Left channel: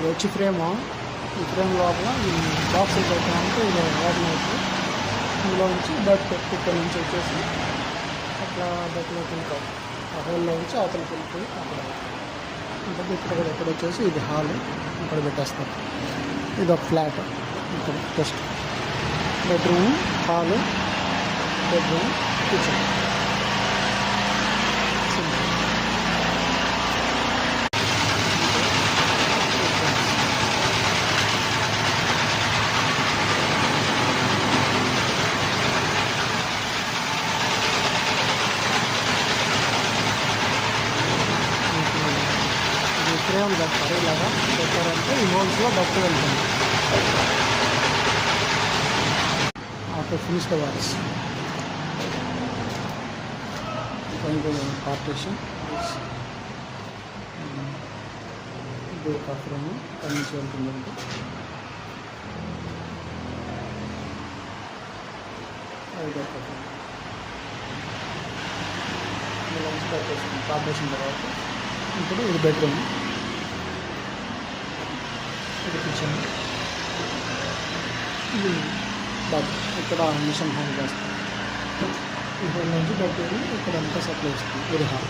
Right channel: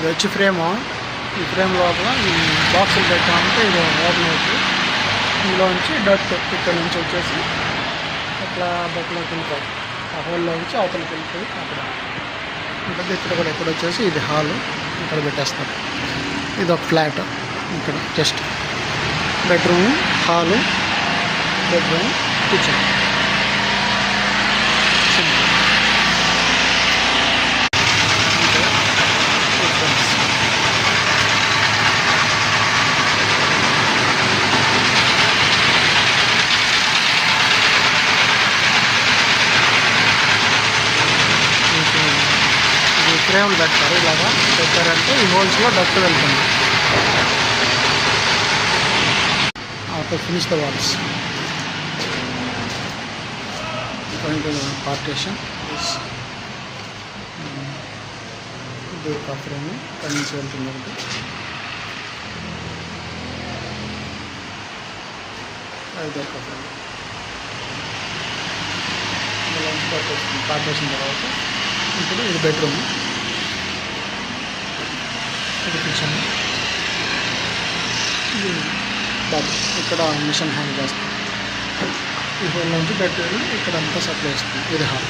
ఇది వచ్చి ఫ్రేము. ఈ ఫ్రేమ్ లోపల ఈ బాక్సులు పెట్టామంటే ఇది ఓపెన్ అవుతుంది. ఇందులో నుంచి డట్ ఇక్కడ నుంచి వచ్చేసి అట్లా బట్టలోకి వెళ్ళిపోయి ఆ హోల్లో నుంచి అవతలకి వెళ్ళిపోయి అక్కడ ఉంటుంది. ఇక్కడ కూడా ఇక్కడ వచ్చేసి ఇది హాలు, ఇక్కడ పెట్టేస్తారు. ఇది ఒక ఫ్లాట్. ఇక్కడ just bedroom, hall, bedroom, kitchen. ఫ్రేమ్లు పెడతారు. ఇలాగా పెట్టారంటే ఈ హోల్స్లో డస్ట్ వెళ్తుంది. After finish the walls partition. ఇది ఒక ఫ్రేమ్ ఇక్కడ నుంచి వెళ్తుంది ఒకటి. ఇది ఒక ఫ్రేమ్ ఇలా వస్తుంది. పార్టీషన్ తర్వాత ఇప్పుడు ఇది బెడ్రూమ్, ఇది కిచెన్, ఇది బాత్. ఇక్కడ మిషన్ హ్యాంగ్ చేస్తాం. ఈ హోల్ నుంచి బెడ్రూమ్ ఇక్కడ అంతా సప్లై ఇస్తుంది. ఇది హాల్.